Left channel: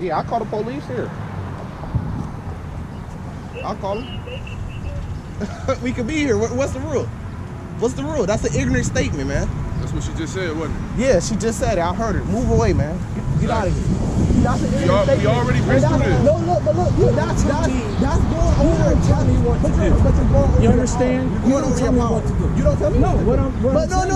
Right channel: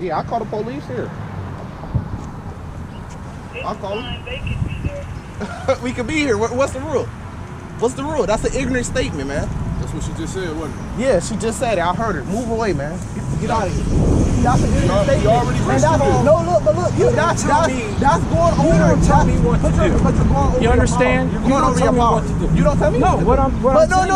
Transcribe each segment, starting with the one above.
Yeah, I call the police here. I'll call them. We could be here. What's the rule? What's the rule? That's an ignorant statement, man. That's what she just said, wasn't it? Yeah, she just said it. I heard her. Move away, man. Get out of here. That's an ignorant statement. We already risked this. No, look, but look, that's going over. Tell me what to do. But you're going over. You understand? You're going over your power. You don't tell me. No, what I'm saying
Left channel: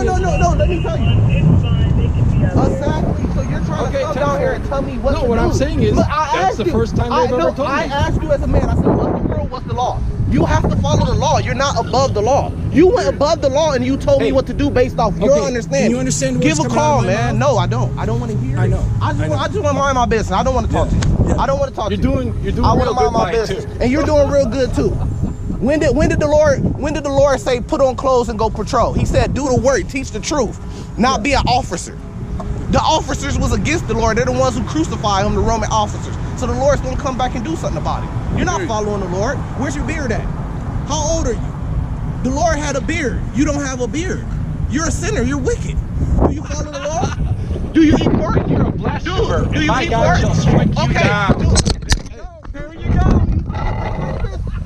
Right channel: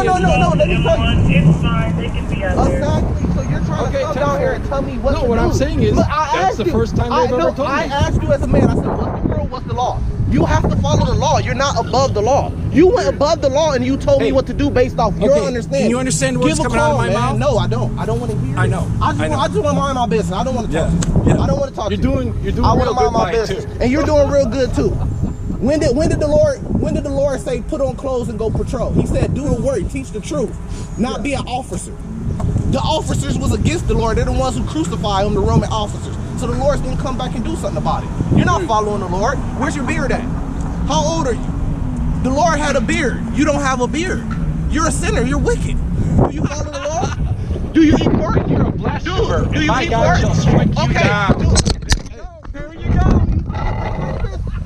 no. Let me tell you. It's fine. They can be out there. Exactly. So you're trying to come down here and tell me what to do. No, what I'm saying is that's the first time they've ever told me. I asked you as a man. I said, what's the rule? What's the law? You have to follow the law. You're not above the law. You went above the law and you told me what to do based off your understanding. Can you understand what's coming out of my mouth? No, I don't. I don't want to hear it. I know. I just want to mind my business. I don't want to talk to you. Yeah. I don't want to talk to you. You're doing I want real to mind good my by it, business. too. And you're doing real good too. When did the Lord say put on clothes and go patrol? He said do the work, teach the truth, not be an officer. The officers was against the Lord. They're the ones who crucified him, the Roman officers. So the Lord's gonna come back and do something about it. You're not following the Lord. Where's your beard at? How old are you? The Lord had a beard. You don't have a beard. You're a sinner. You're wicked. Do you follow the law? Do you eat pork? You're a blasphemer. Do you My eat God pork? shall strike you Okay. down. There you go.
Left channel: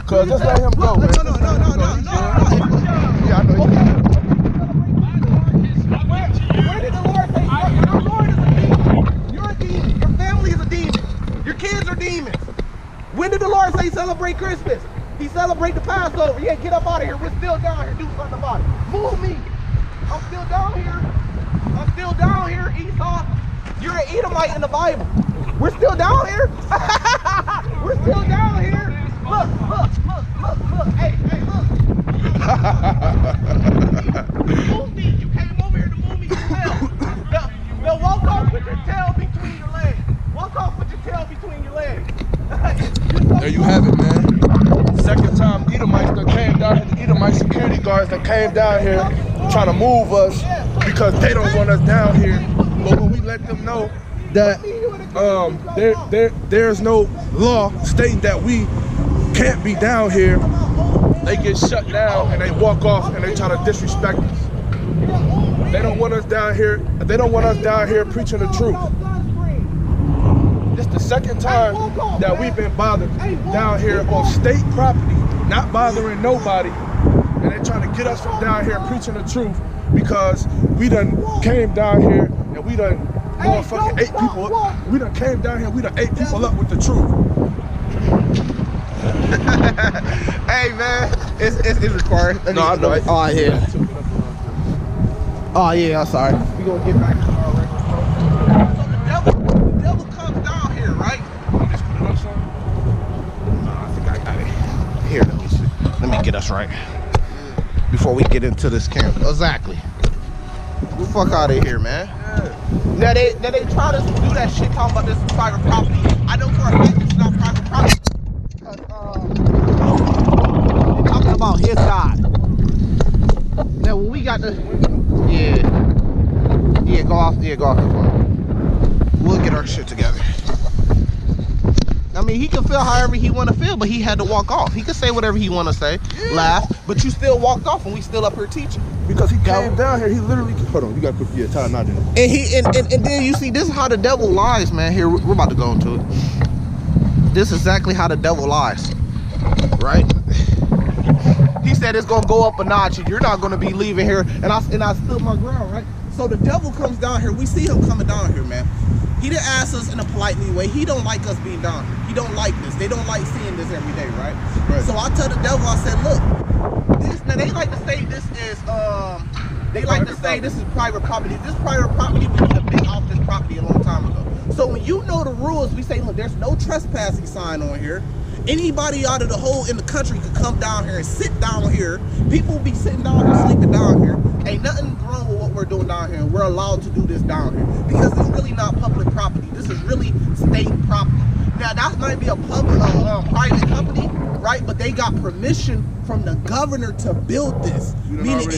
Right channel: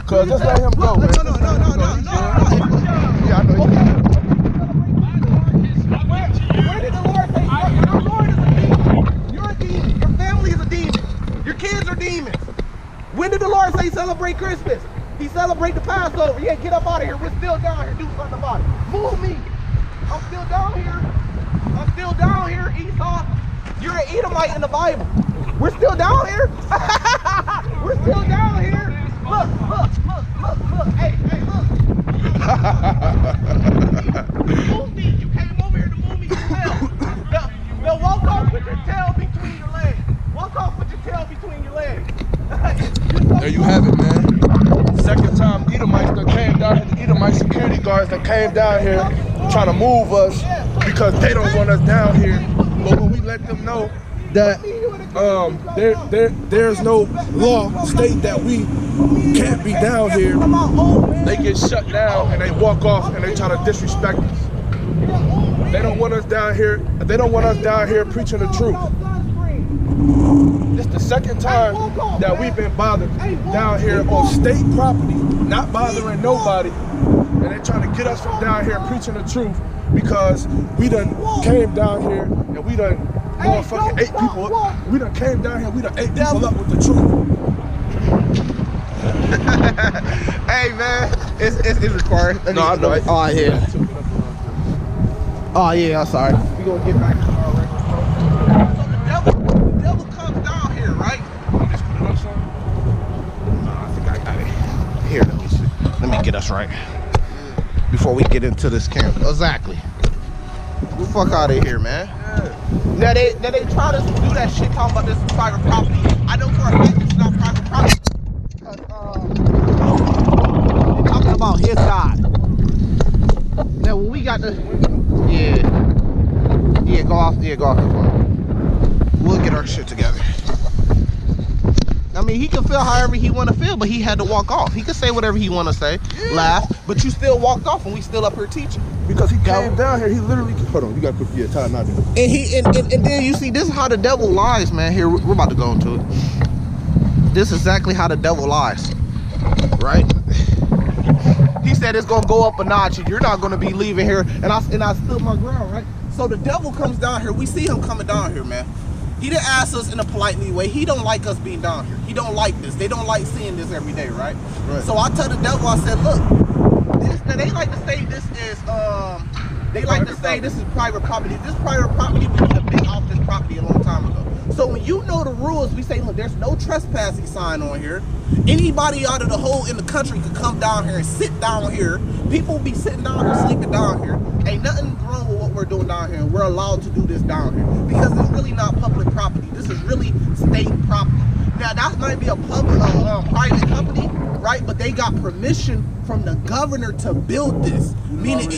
Cause just let him go, man. No. Yeah, I know. Where did the Lord say your Lord is a demon? You're a demon. Your family is a demon. Your kids are demons. When did the Lord say celebrate Christmas? He celebrate the Passover. Yeah, get up out of here. We're still down here. Do something about it. Move me. I'm still down here. Esau. You're an Edomite in the Bible. We're still down here. We're still down here. Look. Hey, look. Move me. You came over here to move me yourself. Now walk off with your tail between your legs. There you have it, man. Second time Edomites that came down here, the Edomite security guards that came down here trying to move us because they don't want us down here. But when we let them know that there's no law stating that we can't be down here, they get shut down and they walk off and they try to disrespect us. They don't want us down here. They don't want us down here preaching the truth. This is the second time that we've been bothered down here on state property, not bothering nobody, and they're trying to get us from down here preaching the truth because we done came down here and we done motherfucking ate people up. We done came down here, we done ate people up with the truth. Hey man, it's required. No, I know. Oh yeah. Oh yeah, I'm sorry. We gonna get back to our record. So the devil comes down here, right? I think I got it. Here, let me see. Let me get us right before we get into this camp. Exactly. Get the fuck out of here, man. Now they try to do that shit talking about this is private property. I know for a fact it's not private property. Because they're talking about his God. Now when we got the go off the phone. We'll get our shit together. I mean, he can feel however he want to feel, but he had to walk off. He could say whatever he want to say, laugh, but you still walked off and we still up here teaching. Because he came down here, he literally, hold on, you gotta put your time out there. And then you see, this is how the devil lies, man. Here, we're about to go into it. This is exactly how the devil lies, right? He said it's gonna go up a notch and you're not gonna be leaving here. And I stood my ground, right? So the devil comes down here. We see him coming down here, man. He didn't ask us in a polite way. He don't like us being down here. He don't like this. They don't like seeing this every day, right? So I tell the devil, I said, look, this, now they like to say this is this is private property. This private property, we could have been off this property a long time ago. So when you know the rules, we say, look, there's no trespassing sign on here. Anybody out of the whole in the country could come down here and sit down here. People be sitting down here, sleeping down here. Ain't nothing wrong with what we're doing down here. We're allowed to do this down here because it's really not public property. This is really state property. Now that might be a public, private company, right? But they got permission from the governor to build this. Meaning,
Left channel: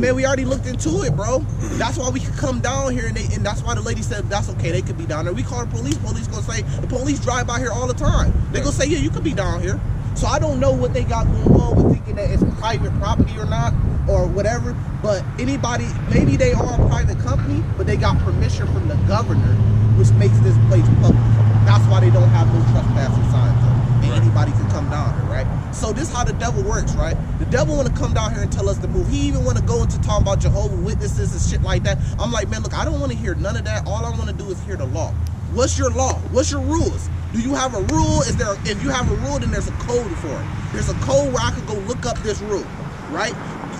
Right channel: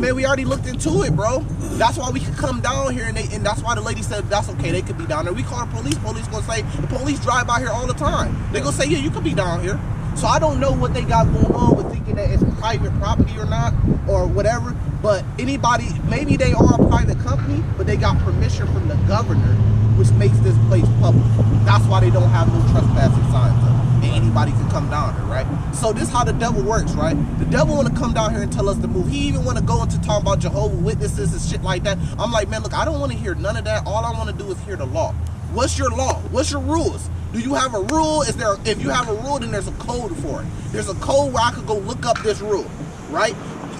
we already looked into it, bro. That's why we could come down here, and that's why the lady said that's okay. They could be down there. We call the police. Police gonna say the police drive by here all the time. They gonna say, yeah, you could be down here. So I don't know what they got going on with thinking that it's private property or not, or whatever. But anybody, maybe they are a private company, but they got permission from the governor, which makes this place public. That's why why they don't have no trespassing signs up, and anybody can come down here, right? So this is how the devil works, right? The devil want to come down here and tell us to move. He even want to go into talking about Jehovah's Witnesses and shit like that. I'm like, man, look, I don't want to hear none of that. All I want to do is hear the law. What's your law? What's your rules? Do you have a rule? If you have a rule, then there's a code for it. There's a code where I could go look up this rule, right?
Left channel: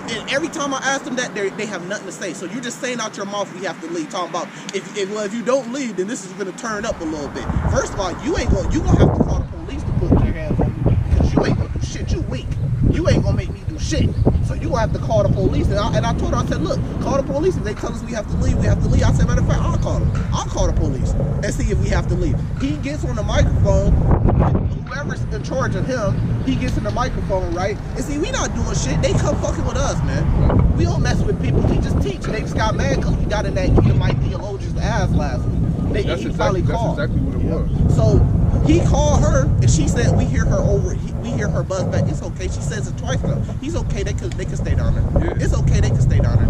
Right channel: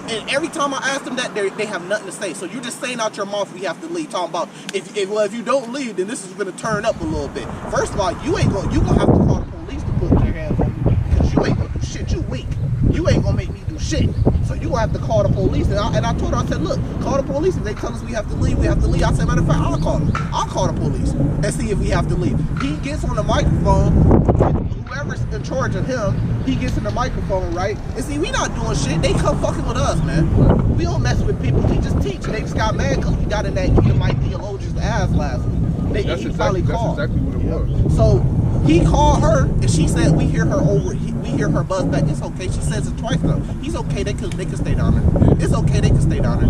And every time I ask them that, they have nothing to say. So you're just saying out your mouth, we have to leave. Talking about if you don't leave, then this is going to turn up a little bit. First of all, you gonna have to call the police to put their hands on you, because you ain't gonna do shit. You weak. You ain't gonna make me do shit. So you gonna have to call the police. And I told her, I said, look, call the police. If they tell us we have to leave, we have to leave. I said, matter of fact, I'll call them. I'll call the police and see if we have to leave. He gets on the microphone. Whoever's in charge of him, he gets in the microphone, right? And see, we not doing shit. They come fucking with us, man. We don't mess with people. We just teach. They just got mad because we got in that Edomite theologian's ass last week. That's exactly what it was. So he called her, and she said, we hear her we hear her buzz back. It's okay. She says it twice though. He's okay. They can stay down there. Yeah. It's okay. They can stay down there.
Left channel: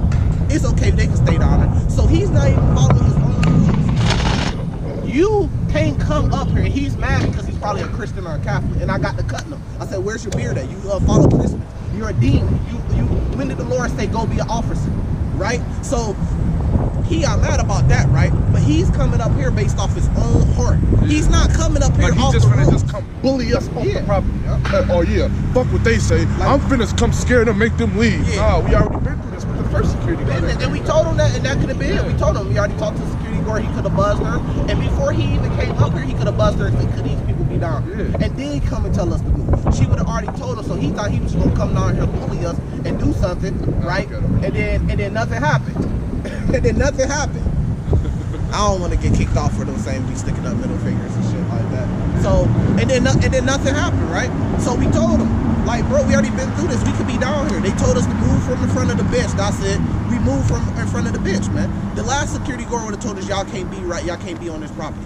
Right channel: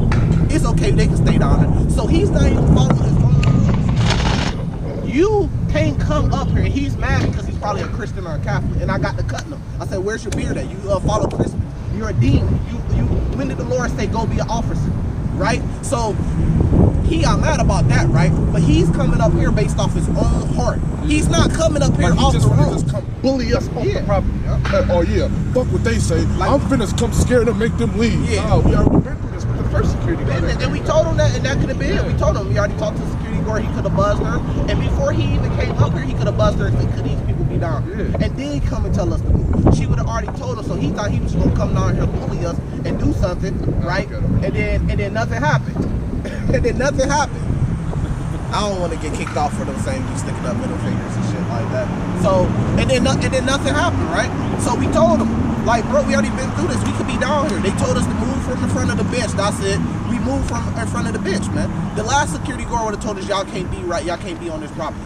It's okay. They can stay down there. So he's not even following his own rules. You can't come up here. He's mad because he's probably a Christian or a Catholic, and I got to cutting him. I said, where's your beard at? You follow Christmas. You're a demon. When did the Lord say go be an officer? Right? So he got mad about that, right? But he's coming up here based off his own heart. Yeah. He's not coming up here off the roof. Just come bully us off the property. Fuck what they say. Like, I'm finna come scare them, make them leave. Yeah. Nah, we already been through this with the first security guard. And we told him that, and that could have been it. We told him, we already talked to the security guard, he could have buzzed her. And before he even came up here, he could have buzzed her and said, could these people be down here? Yeah. And then come and tell us to move. She would have already told us, so he thought he was gonna come down here and bully us and do something, right? And then nothing happened. And then nothing happened. I don't want to get kicked off for them saying we sticking up middle fingers and shit like that. So, and then nothing happened, right? So we told them, like, bro, we already been through this. We could be down here. They told us to move from in front of the bench. That's it. We moved from in front of the bench, man. The last security guard would have told us, y'all can't be right. Y'all can't be on this property.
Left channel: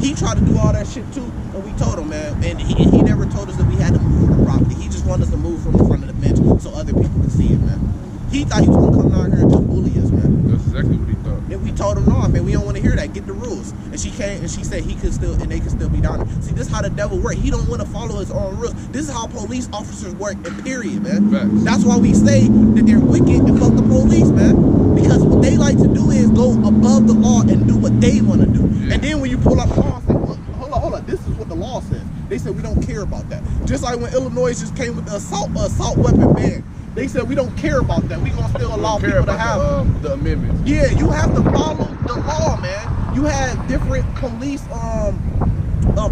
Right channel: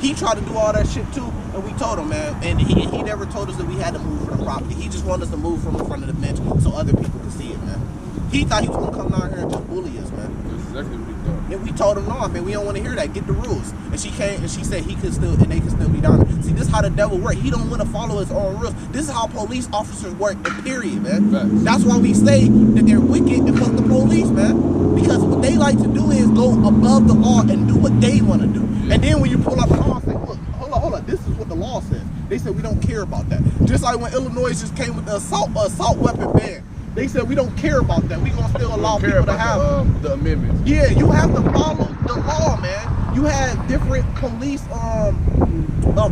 He tried to do all that shit too, and we told him, man. And he never told us that we had to move from the property. He just wanted us to move from in front of the bench so other people could see it, man. He thought he was gonna come down here and just bully us, man. That's exactly what he thought. And we told him, no, man, we don't want to hear that. Get the rules. And she came and she said he could still, and they could still be down there. See, this is how the devil works. He don't want to follow his own rules. This is how police officers work, and period, man. Facts. That's why we say that they're wicked and fuck the police, man. Because what they like to do is go above the law and do what they want to do. Yeah. And then when you pull out the law and say, look, hold on, this is what the law says. They said we don't care about that. Just like when Illinois just came with the assault weapon ban. They said we don't care about that. We gonna still allow people to have the amendments. Yeah, you have to follow the law, man. You had different police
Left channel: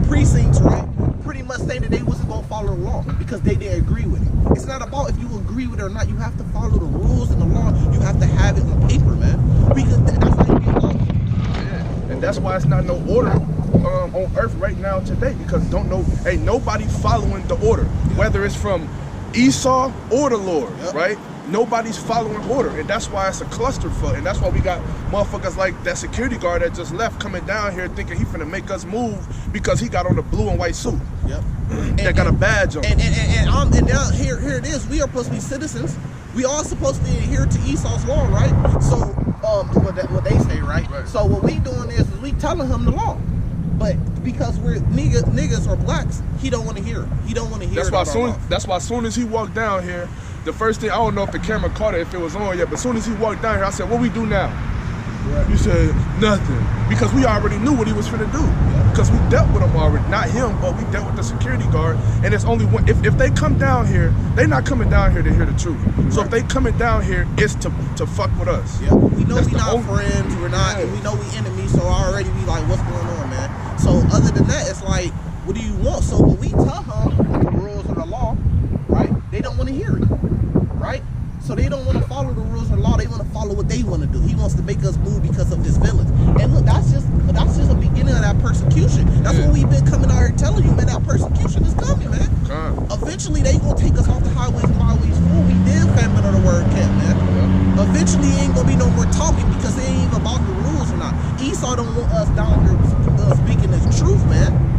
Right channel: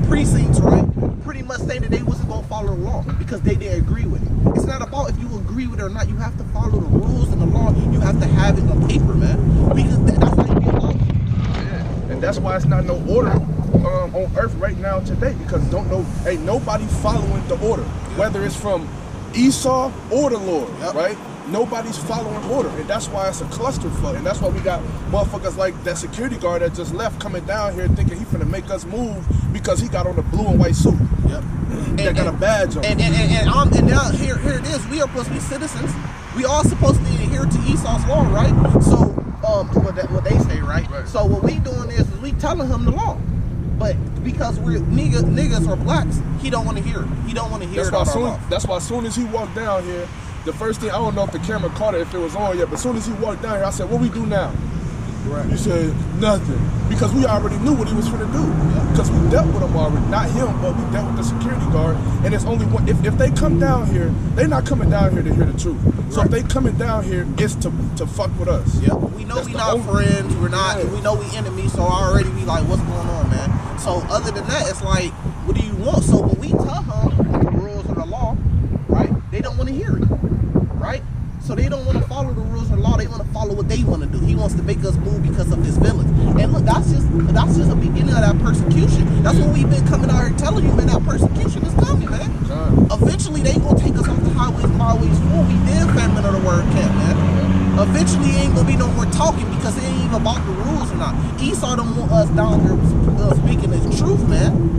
precincts, right? Pretty much saying that they wasn't gonna follow the law because they didn't agree with it. It's not about if you agree with it or not. You have to follow the rules and the law. You have to have it on paper, man. Because that's how you get law. Yeah, and that's why it's not no order on earth right now today, because ain't nobody following the order, whether it's from Esau or the Lord, right? Nobody's following order, and that's why it's a clusterfuck, and that's why we got motherfuckers like that security guard that just left coming down here thinking he finna make us move because he got on a blue and white suit. Yep. That got a badge on. And now here it is. We are supposed to be citizens. We all supposed to adhere to Esau's law, right? So what they say, right? So what we doing is we telling him the law. But because we're niggas or blacks, he don't want to hear it. He don't want to hear it. That's why as soon as he walked down here, the first thing, I don't know if the camera caught it, if it was on yet, but as soon as he walked down here, I said, what we do now? Right. You said, nothing. Because we already knew what he was finna do. Because we dealt with him already. Not him, but we dealt with the security guard. And it's only one, if they come down here, they're not coming down here to hear the truth. So if they coming down here, it's to fuck with us. Yep. We know we not friends, we're not, and we know we enemies, so already we like, what's going on, man? So other than that, it's like, what do you want? So when we tell them the rules of the law, right, they don't want to hear it, right? So they don't want to follow the rules of the law. They want to follow what they want to do. He wants to make us move because of his villains. And look, that's just a beginning of that persecution. That's what we've been coming out here telling you, man. That persecution is coming, man. Eventually, they gonna take us off the highways and byways full. We did famine of the word camp, man. Eventually, ain't gonna be no more talking because it ain't even about the rules or not. Esau don't want us down here speaking the truth, man.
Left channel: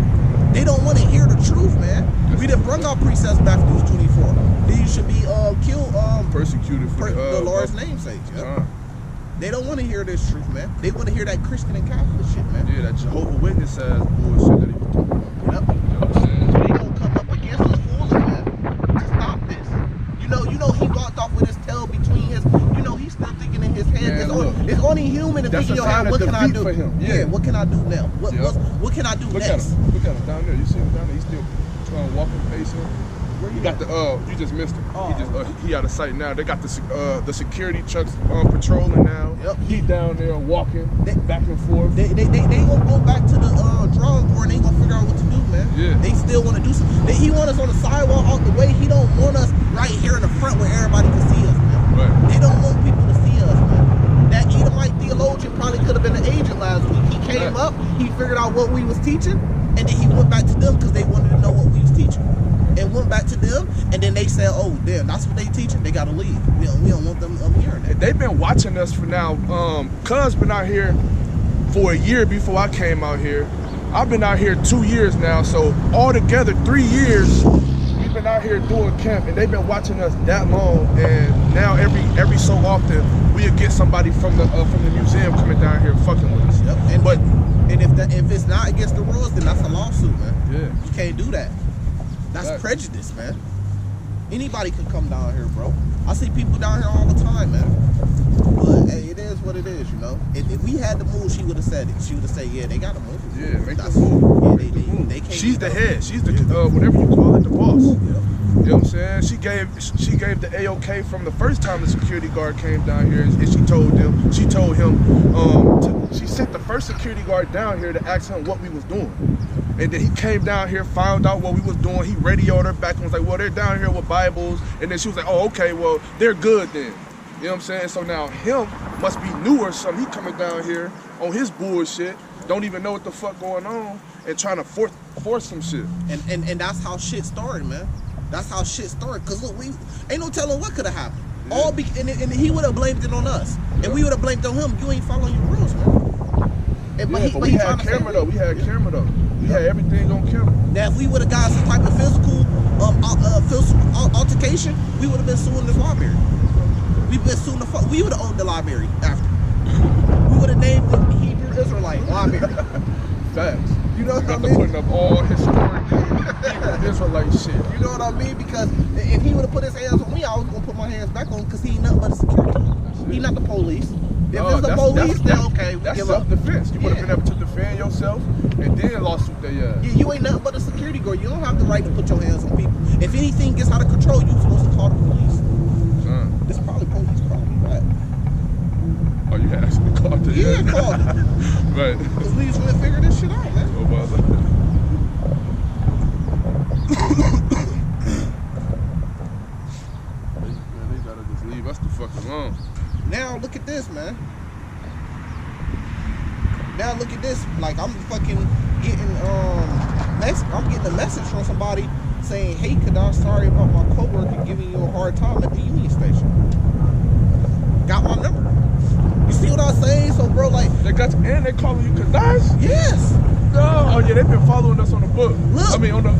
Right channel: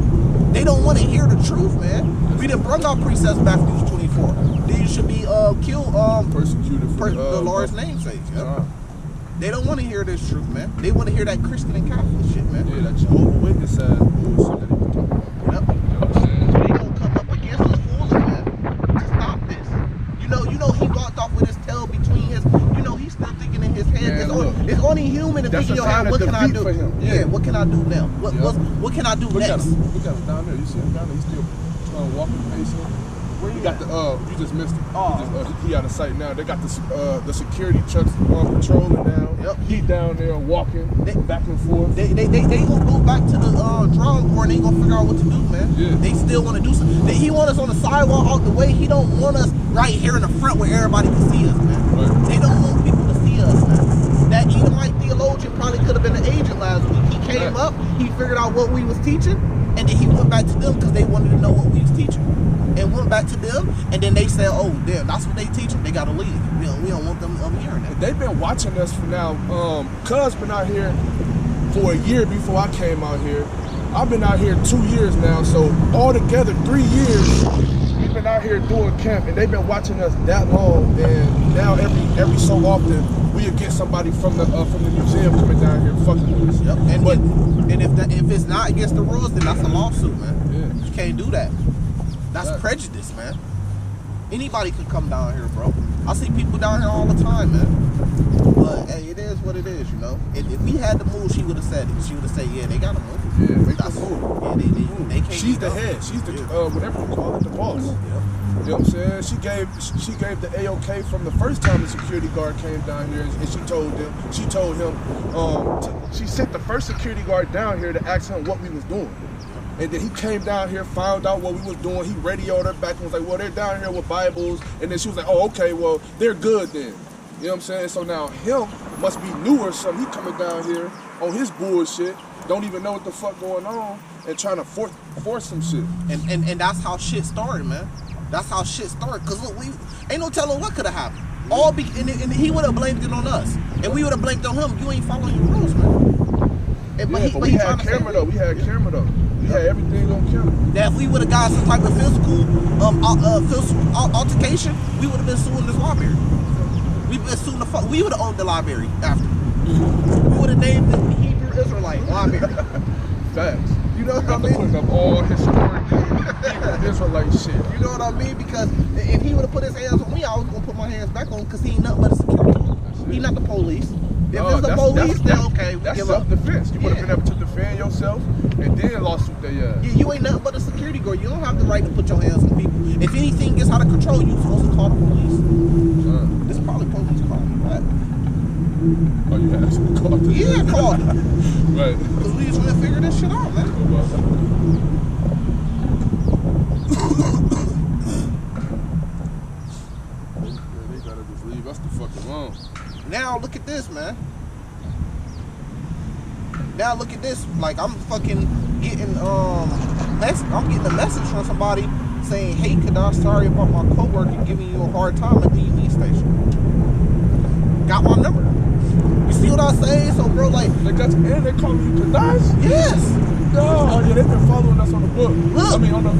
They don't want to hear the truth, man. We done brought our precepts back to Matthew 24. Then you should be killed, persecuted for the Lord's namesake. They don't want to hear this truth, man. They want to hear that Christian and Catholic shit, man. Yeah, that Jehovah's Witness ass bullshit that he was talking about. Yep. You know what I'm saying? They gonna come up against us fully, man, to stop this. You know, he walked off with his tail between his. You know, he's still thinking in his head. Man, It's only human to that's think, a sign of what can I defeat do? for him. Yeah. What can I do now? What can I do Look next? at him. Look at him down there. You see him down there? He's still walking, pacing. Where You you got at? you just missed him. Oh. He out of sight now. They got the security trucks patrolling now. Yep. He down there walking back and forth. They gonna go back to the drawing board and they gonna figure out what to do, man. Yeah. They still want to do something. He want us on the sidewalk out the way. He don't want us right here in the front where everybody can see us, man. Right. They don't want people to see us, man. That Edomite theologian probably could have been an agent last week. He came up, he figured out what we was teaching, and then he went back to them because they wanted to know what we was teaching. And went back to them, and then they said, "Oh, damn, that's what they teaching. They gotta leave. You know, we don't want them hearing that." They've been watching us for now. Cuz been out here for a year before I came out here. I've been out here 2 years now, so altogether 3 years we've been out here doing camp, and they've been watching us that long. And now every so often we'll get somebody from the museum coming down here fucking with us. Yep. And if it's not against the rules, then that's a lawsuit, man. Yeah. You can't do that. That's Right. prejudice, man. Anybody could come down here, bro. I see people down here all the time, man. But hey, it is what it is, you know. If we had to move, she would have said it. She would have said, "Yeah, they gotta move." Yeah, make the move. Yeah, Move. they can't. She's the head. She's the whatever you call it, the boss. Yep. You know what I'm saying? She gave the A-OK from the first time the security guard came down here, and she told him she sent the first security guard down here to ask him what we was doing. And then he came down here, found out what we was doing. He radioed her back and was like, "Well, they're down here with Bibles." And then she was like, "Oh, okay, well, they're good then." You know what I'm saying? So now him must be new or something. He coming down here on his bullshit, don't even know what the fuck going on, and trying to force some shit. And that's how shit started, man. That's how shit started. Cause look, we ain't no telling what could have happened. Yeah. And he would have blamed it on us, and we would have blamed on him. You ain't following your rules, man. And, But we had camera though. We had camera though. We had everything on camera. Now, if we would have got some type of physical altercation, we would have been suing this library. We would have owned the library after. We would have named the Hebrew Israelite library. Facts. You know what I Got to mean? putting up all historic Hebrew Israelite shit. You know what I mean? Because if he would have put his hands on me, I was gonna put my hands back on him because he ain't nothing but a security guard. He not the police. If it's the police, then okay, that's give up. self-defense. You would have been able to defend yourself and then lawsuit their ass. Yeah, you ain't nothing but a security guard. You don't have the right to put your hands on people. If anything gets out of control, you're supposed to call the police. Son. This probably police calling me back. Oh, you actually called the Yeah, I called them. Right. Because we just want to figure this shit out, man. Oh, well, they gotta just leave us the fuck alone. Now look at this, man. Now look at this. Like I'm fucking getting I'm getting a message from somebody saying, "Hey, Kadar, sorry about my coworker giving you a hard time at the Union Station." Got my number. You see what I'm saying? So, bro, like And they calling you Kadash? yes. No. Oh yeah, they've been following us on the book. Look, I mean on the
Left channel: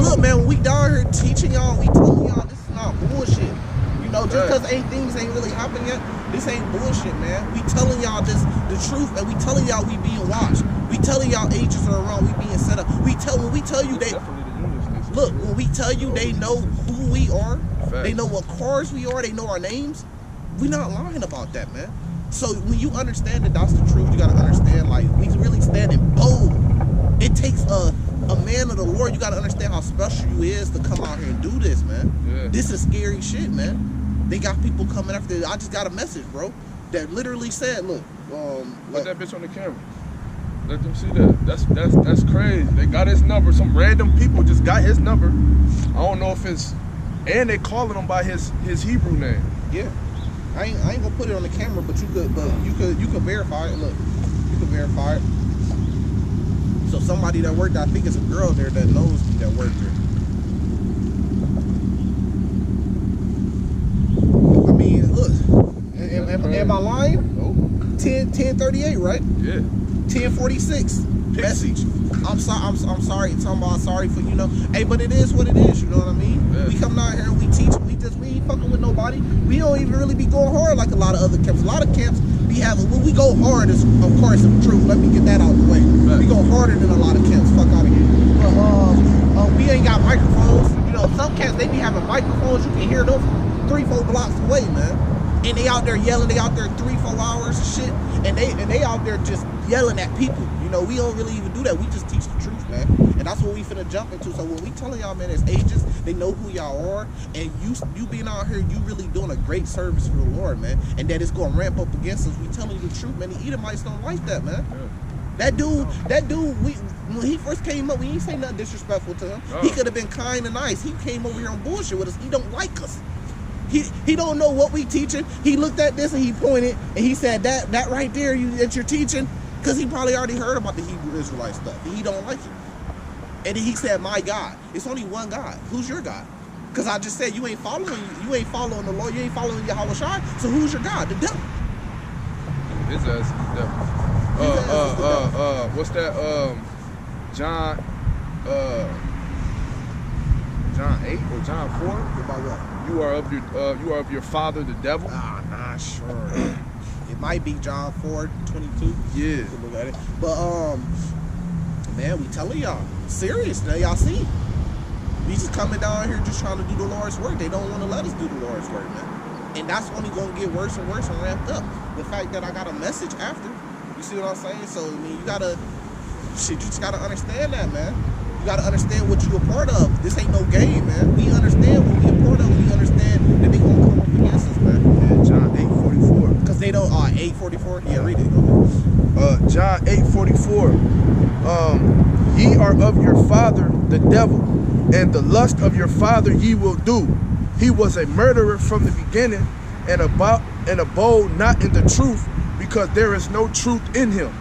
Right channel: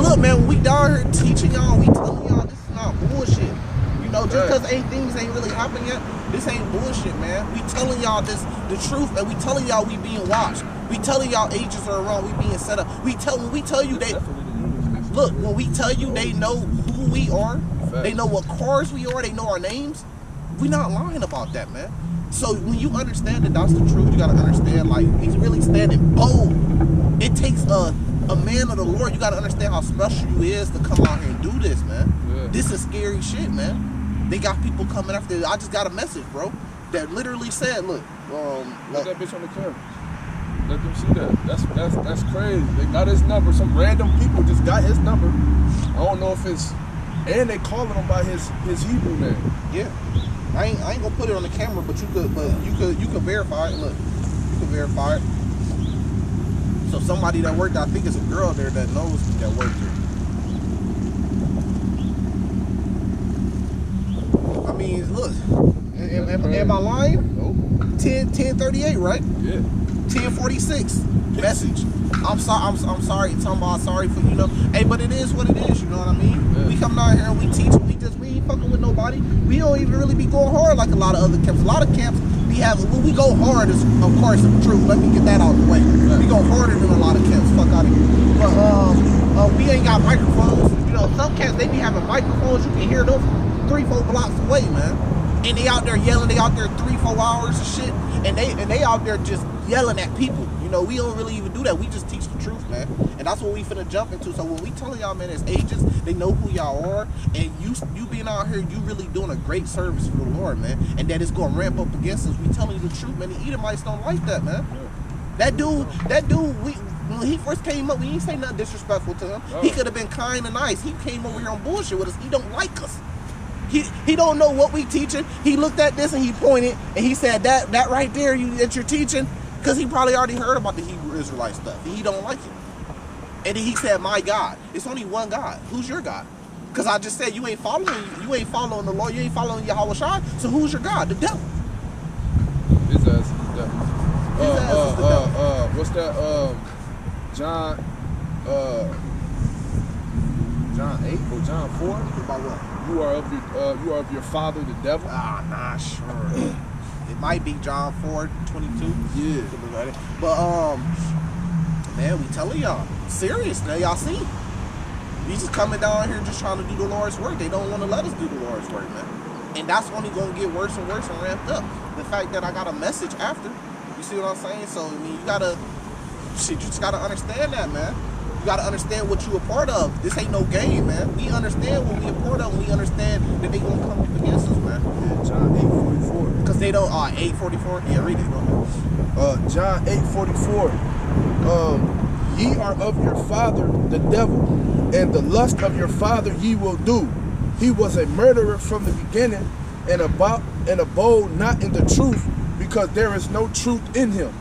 look, man. When we down here teaching y'all, we telling y'all this is not bullshit. You know, just because things ain't really happened yet, this ain't bullshit, man. We telling y'all the truth, and we telling y'all we being watched. We telling y'all agents are around, we being set up. When we tell you they look, when we tell you they know who we are, they know what cars we are, they know our names. We not lying about that, man. So when you understand that that's the truth, you gotta understand, like, we really standing bold. It takes a man of the Lord. You gotta understand how special you is to come out here and do this, man. Yeah. This is scary shit, man. They got people coming after. I just got a message, bro, that literally said, "Look, let that bitch on the camera. Let them see that. That's crazy. They got his number. Some random people just got his number. I don't know if it's, and they calling him by his Hebrew name. Yeah, I ain't gonna put it on the camera, but you could verify it. Look, you could verify it. So somebody that worked, I think it's a girl there that knows me that worked there. I mean, look, am I lying? Nope. 10:38, right? Yeah. 10:46. Message. I'm sorry. Talking about sorry for, you know. Hey, but it is what it is. You know what I mean? Yeah. We come down here and we teach. We ain't fucking with nobody. We don't even really be going hard like a lot of other camps. A lot of camps be we go hard as, of course, the truth. Let me get that out of the way. We go harder than a lot of camps. Fuck out of here. But we ain't got microphones. You know, some camps, they be having microphones. You can hear them 3-4 blocks away, man. And they out there yelling. They out there 3-4 hours and shit. And they out there just yelling at people. You know, we don't really even do that. We just teach the truth, man. And that's what we finna jump into. So when we telling y'all, man, as agents, they know who y'all are. And you being out here, you really doing a great service for the Lord, man. And that it's gonna ramp up against us. We telling you the truth, man. The Edomites don't like that, man. Yeah. That dude, when he first came up, we ain't say nothing disrespectful to him. No. He could have been kind and nice. He came over here on bullshit with us. He don't like us. He don't know what we teaching. He looked at this and he pointed and he said that right there that you're teaching, because he probably already heard about the Hebrew Israelite stuff. He don't like it. And then he said, my God. It's only one God. Who's your God? Because I just said you ain't following the Lord, you ain't following Yahweh Shai. So who's your God? The devil. His ass is the devil. What's that? John 8 or John 4? About what? You are of your father, the devil. Ah, nah, sure. It might be John 4:22. Yeah. Look at it. But man, we telling y'all, serious. Now y'all see, we just coming down here just trying to do the Lord's work. They don't want to let us do the Lord's work, man. And that's only gonna get worse and worse and ramped up. The fact that I got a message after. You see what I'm saying? So I mean, you just gotta understand that, man. You gotta understand what you a part of. This ain't no game, man. We understand what we a part of. We understand that they gonna come up against us, man. Yeah, John 8:44. Cause they don't. 8:44. Yeah, read it. Go ahead. John 8:44. Ye are of your father, the devil, and the lust of your father ye will do. He was a murderer from the beginning, and abode not in the truth, because there is no truth in him.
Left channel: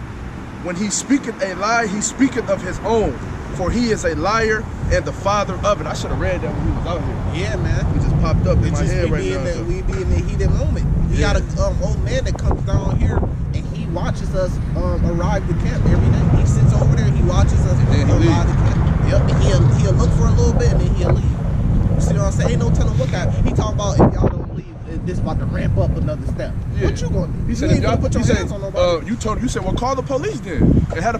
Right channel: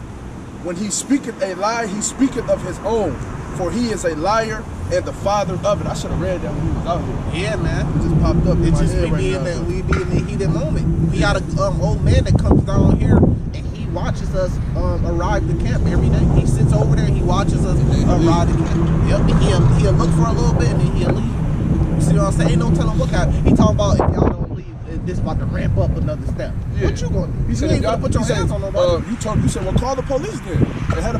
When he speaketh a lie, he speaketh of his own, for he is a liar and the father of it. I should have read that when we was out here. Yeah, man. It just popped up in my head right now. We be in the heated moment. We got an old man that comes down here and he watches us arrive to camp every day. He sits over there and he watches us arrive to camp. Yep. He'll look for a little bit and then he'll leave. You see what I'm saying? Ain't no telling what kind. He talking about if y'all don't leave, this about to ramp up another step. Yeah. What you gonna do? He said, you ain't gonna put your hands on nobody. You said, well, call the police then.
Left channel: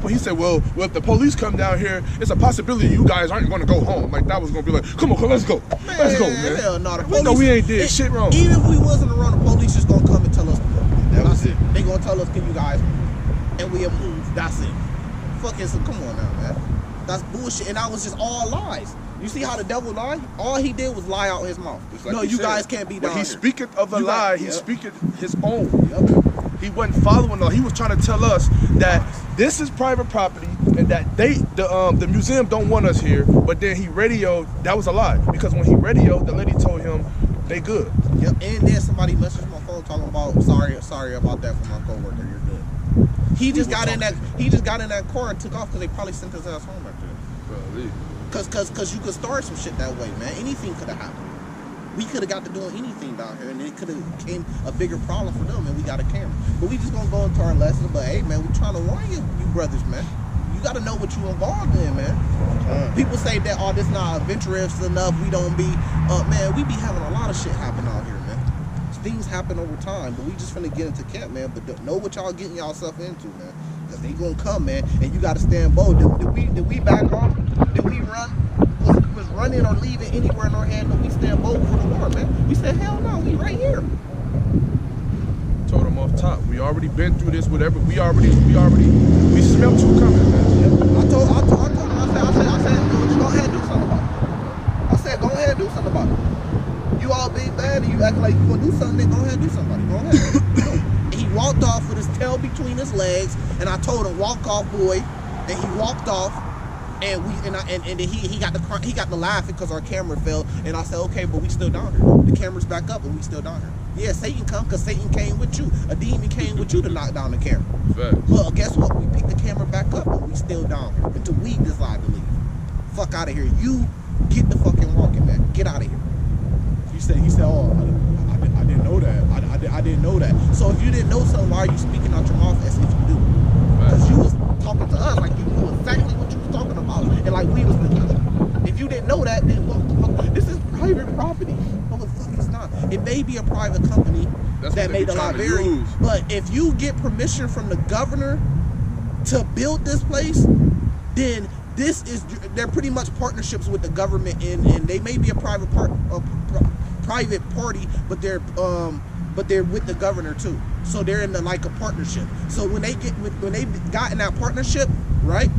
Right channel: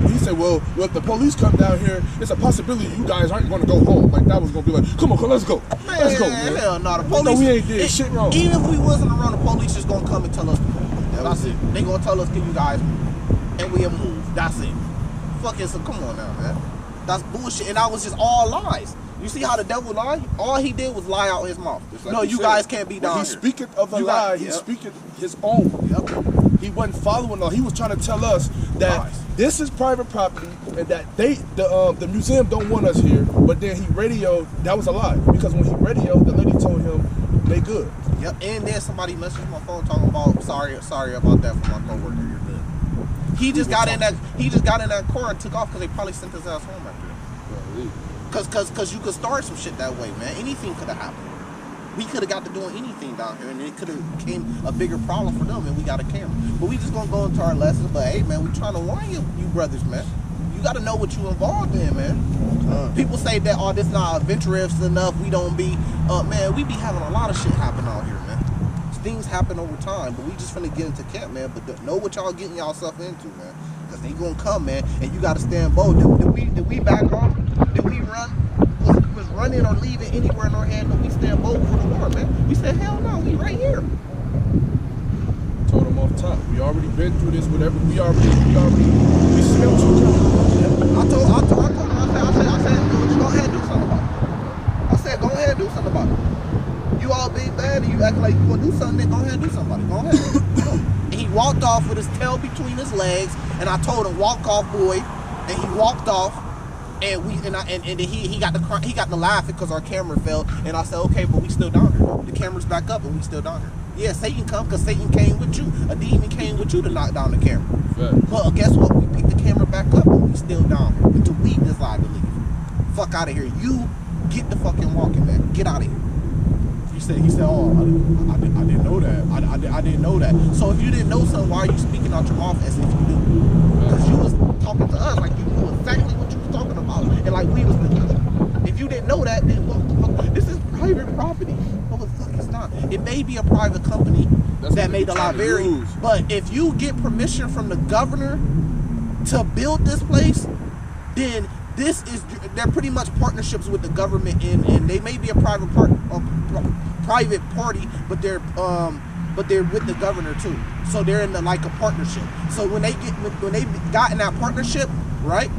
He said, well, if the police come down here, it's a possibility you guys aren't gonna go home. Like that was gonna be like, come on, let's go. Man, let's go, man. Hell no, the police. No, we ain't did shit wrong. Even if we wasn't around, the police just gonna come and tell us to move. That's it. They gonna tell us, can you guys move? And we'll move. That's it. Fuck it, so come on now, man. That's bullshit. And that was just all lies. You see how the devil lied? All he did was lie out his mouth. Like no, you guys can't be down here. He speaketh of a lie. He speaketh his own. Yep. He wasn't following all. He was trying to tell us that this is private property and that the museum don't want us here. But then he radioed. That was a lie, because when he radioed, the lady told him they good. Yep. And then somebody messaged my phone talking about sorry about that from my coworker. You're good. He just got in that car and took off because they probably sent his ass home after that. Well, Cause you could start some shit that way, man. Anything could have happened. We could have got to doing anything down here, and it could have became a bigger problem for them. And we got a camera, but we just gonna go into our lessons. But hey, man, we trying to warn you brothers, man. You got to know what you involved in, man. People say that this not adventurous enough. We don't be, man. We be having a lot of shit happen out here, man. Things happen over time, but we just finna get into camp, man. But know what y'all getting yourself into, man. Cause they gonna come, man, and you gotta stand bold. Did we back off? Did we run? Was running or leaving anywhere in our hand? But we stand bold for the Lord, man. We said, hell no, we right here. Told them off top. We already been through this. Whatever. We smelled you coming. I told him. I said, go ahead and do something about it. I said, go ahead and do something about it. You all big bad and you acting like you gonna do something. Then go ahead and do something. Go ahead. And he walked off with his tail between his legs, and I told him, walk off, boy. And he walked off, and he got the laughing because our camera fell. And I said, okay, but we still down here though. The camera's back up, and we still down here. Yeah, Satan come because Satan came with you. A demon came with you to knock down the camera. Fact. But guess what? We picked the camera back up, and we still down here until we decide to leave. Fuck out of here. You get the fucking walking, man. Get out of here. He said, oh, I didn't know that. I didn't know that. So if you didn't know something, why are you speaking out your mouth as if you do? Because you was talking to us like you knew exactly what you was talking about, and like we was the. If you didn't know that, then what the fuck? This is private property. No, the fuck it's not. It may be a private company, that made the law vary. But if you get permission from the governor to build this place, then they're pretty much partnerships with the government, and they may be a private party, but they're with the governor too. So they're in like a partnership. So when they got in that partnership, right?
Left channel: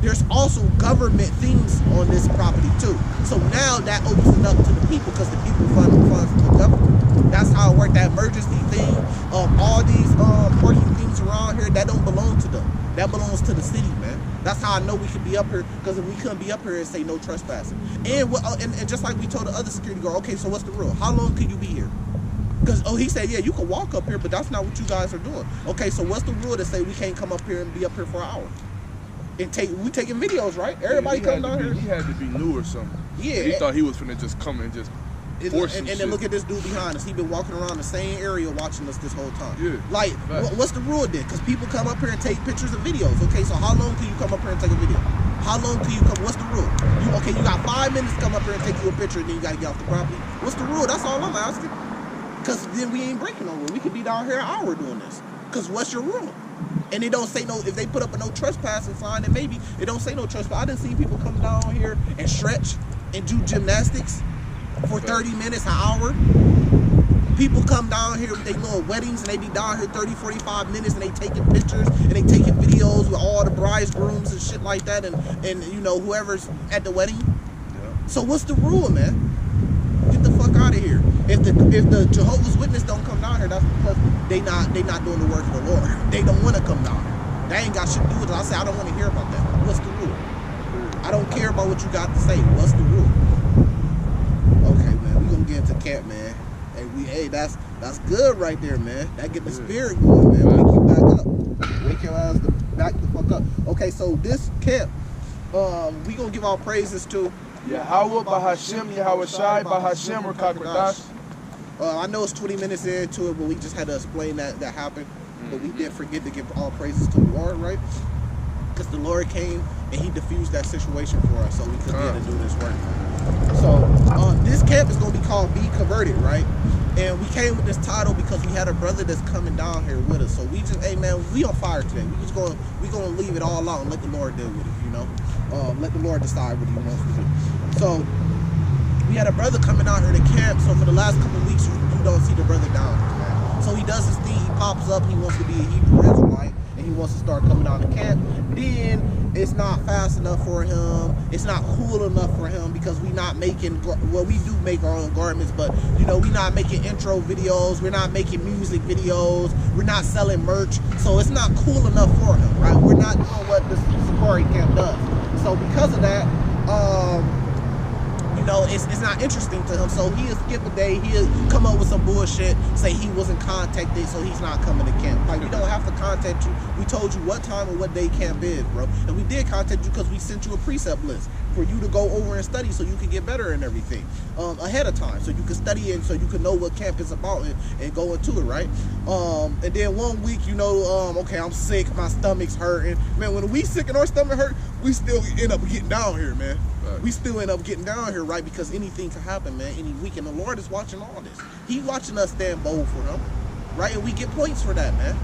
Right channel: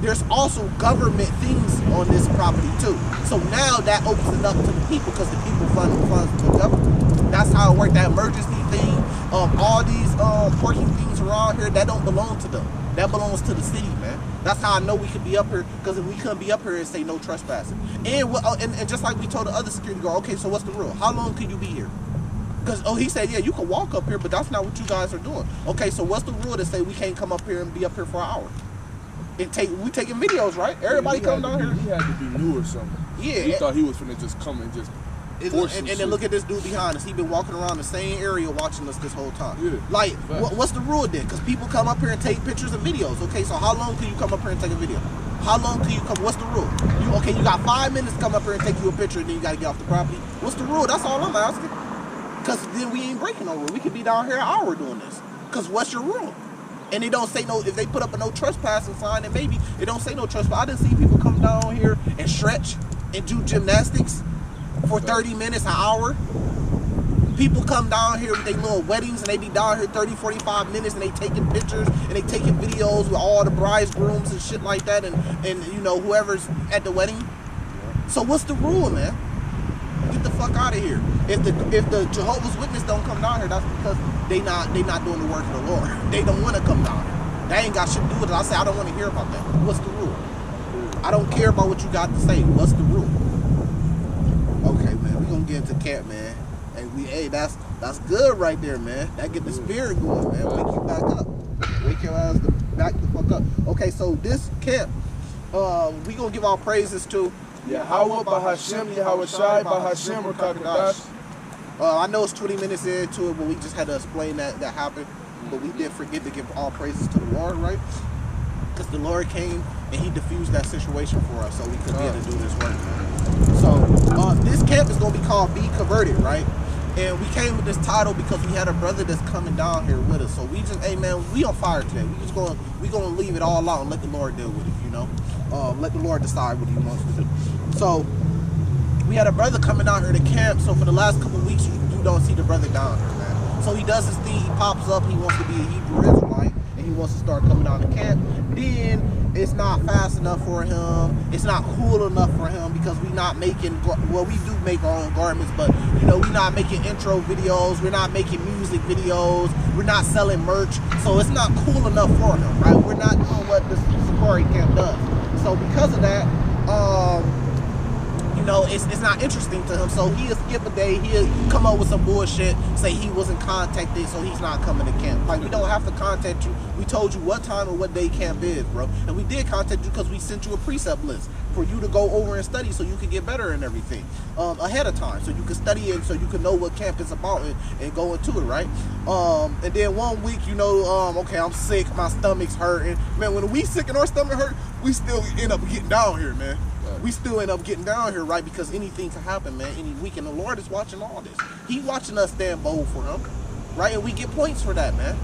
There's also government things on this property too. So now that opens it up to the people because the people funds the government. That's how it worked. That emergency thing, all these parking things around here, that don't belong to them. That belongs to the city, man. That's how I know we could be up here, because if we couldn't be up here and say no trespassing. And just like we told the other security guard, okay, so what's the rule? How long can you be here? Because, he said, yeah, you can walk up here, but that's not what you guys are doing. Okay, so what's the rule to say we can't come up here and be up here for an hour? We taking videos, right? Everybody come down here. He had to be new or something. Yeah. He thought he was finna just come and just force and then look at this dude behind us. He been walking around the same area watching us this whole time. Yeah. Like, what's the rule then? Because people come up here and take pictures and videos. Okay, so how long can you come up here and take a video? How long can you come? What's the rule? You got 5 minutes to come up here and take you a picture, and then you got to get off the property. What's the rule? That's all I'm asking. Because then we ain't breaking no rule. We could be down here an hour doing this. Because what's your rule? And they don't say no. If they put up a no trespassing sign, then maybe it don't say no trespass. I didn't see people come down here and stretch and do gymnastics for 30 minutes, an hour. People come down here with their little weddings, and they be down here 30, 45 minutes, and they taking pictures and they taking videos with all the bridegrooms and shit like that, and whoever's at the wedding. Yeah. So what's the rule, man? Get the fuck out of here. If the Jehovah's Witness don't come down here, that's because they not doing the work of the Lord. They don't want to come down here. They ain't got shit to do with it. I say I don't want to hear about that. What's the rule? I don't care about what you got to say. What's the rule? Okay, man, we gonna get into camp, man. Hey, that's good right there, man. That get the spirit going, man. Wake you back up. Wake your ass back the fuck up. Okay, so this camp, we gonna give our praises to Yahweh Bahashem, Yahweh Shai, Bahashem, Rakakadash. I know it's 20 minutes into it, but we just had to explain that happened. But we didn't forget to give all praises to the Lord, right? Because the Lord came and he diffused that situation for us so we could be able to do this work. So this camp is going to be called Be Converted, right? And we came with this title because we had a brother that's coming down here with us. So we just, hey man, we on fire today. We gonna leave it all out and let the Lord deal with it, you know? Let the Lord decide what he wants to do. So we had a brother coming down here to camp. So for the last couple of weeks, you don't see the brother down here, man. So he does his thing. He pops up. He wants to be a Hebrew Israelite, and he wants to start coming down to camp. Then it's not fast enough for him. It's not cool enough for him because we not making, well, we do make our own garments, but you know, we not making intro videos. We're not making music videos. We're not selling merch. So it's not cool enough for him, right? We're not doing what the Safari camp does. So because of that, you know, it's not interesting to him. So he'll skip a day. He'll come up with some bullshit, say he wasn't contacted, so he's not coming to camp. Like, we don't have to contact you. We told you what time and what day camp is, bro. And we did contact you because we sent you a precept list for you to go over and study so you could get better and everything ahead of time. So you could study it, so you could know what camp is about and go into it, right? And then 1 week, you know, okay, I'm sick, my stomach's hurting. Man, when we sick and our stomach hurt, we still end up getting down here, man. We still end up getting down here, right? Because anything can happen, man, any week. And the Lord is watching all this. He's watching us stand bold for him, right? And we get points for that, man.